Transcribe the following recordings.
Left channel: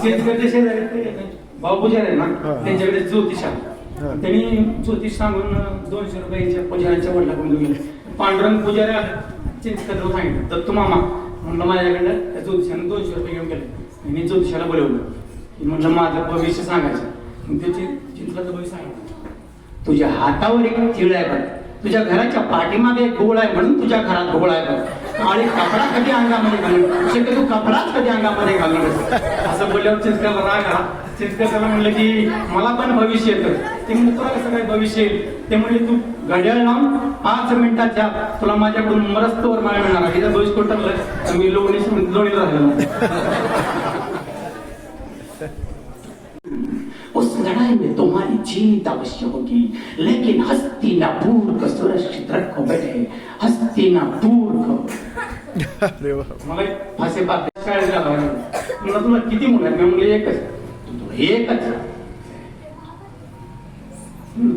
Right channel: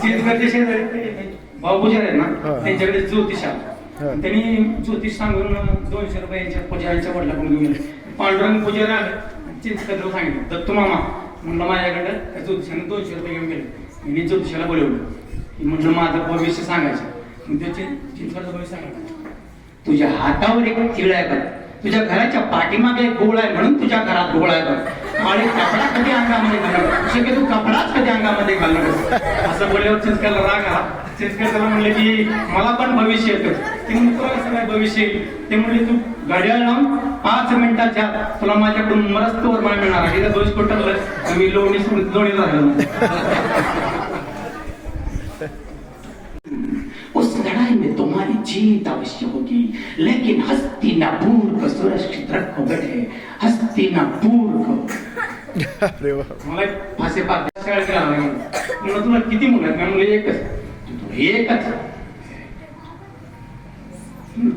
चिंचगडचे शेजारी ते आहेत ना त्यांच्याकडे ज्योतिष आहे त्यांनी ज्योतिष सांगून दोनशे रुपयाच्या पुजाऱ्यांच्या वडिलाकडून घेऊन पांडुरंग पुजारी आले सांगितलं दत्तू मामा म्हणलं माझ्याकडं ज्योतिषाने दोनशे रुपये घेऊन गेले मी ज्योतिषाला बोलवलं की म्हणलं माझं भविष्य सांगायचं मग ते चिं- भविष्य सांगितलं तुझ्या हातावर एक तिळ आहे बघ. तुझ्या घराच्या पाठीमागे एक गोळ आहे म्हणून तुझ्या घरात गोळ आहे आणि कपडा कधी अंगामध्ये घालून? शक्य तू कपडाच कधी अंगामध्ये घालून? असं बोलल्यावर चिंचकर राग चिंचकर सर म्हणले म्हणजे की मला पण भविष्य येतं. ते तुला कसं काय भविष्य येईल? ते म्हणले तू घड्याळ लावून पाच मिनिटाच्या तुला माझ्याकडून मरस्तवर माय मिळणार आहे. दोष कोटकलं मी लोणी लोणी राहिलो. उस लड़ाई में तुम्हारी जीत अवश्य होगी. लेकिन हस्तिनापुर को रखो बेटे हस्तिनापुर को अरे वा। मला एक फासे पाच शाळेत. म्हणलं तुला किती मुलं आहेत? एकच. तू एकच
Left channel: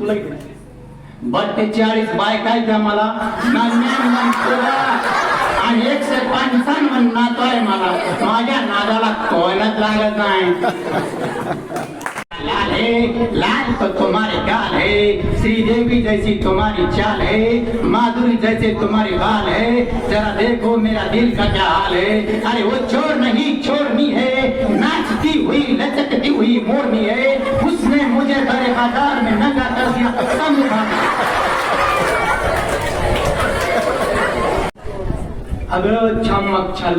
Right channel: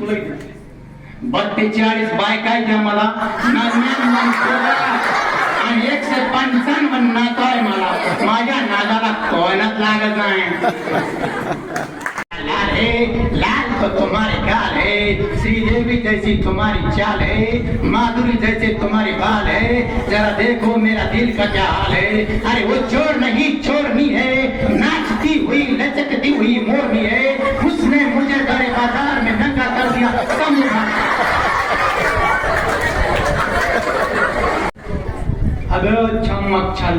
तुला किती बत्तेचाळीस बाय काय द्या मला. आणि एकशे पंचावन्न नातो आहे मला. माझ्या नादाला कोणाच लागत नाही. लाल तो तुम्हारे गाल है, श्रीदेवी जैसी तुम्हारी चाल है, माधुरी जैसे तुम्हारे बाल है। जरा देखो मेरा दिल का क्या हाल है। अरे वो चोर नहीं, चोरनी है। नाचती हुई, लचकती हुई मोरनी है। उसने मुझे बड़े बाज़ार में नंगा कर दिया कम अगं छमक छाल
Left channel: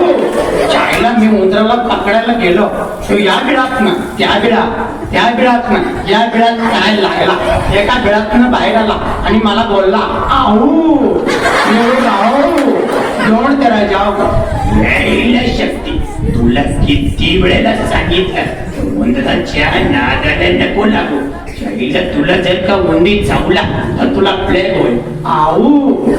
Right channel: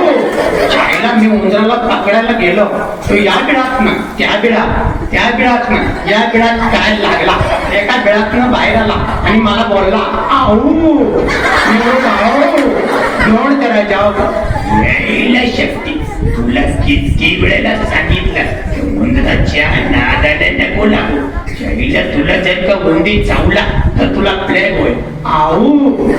शाळेला मी उंदराला पकडायला गेलो. तो या बिळात ना त्या बिळा त्या बिळात ना या बिळात काय लागला. एका बिळातनं बाहेर आला आणि मला बोलला आऊ निवडून नोंद करा जाओ शक्ती तुला किती वेळेला सांगितलं उंदराच्या नादाला नको लागू. शाळेला तुला जर का उंदी चावला तर तुला प्लेग होईल. आऊ.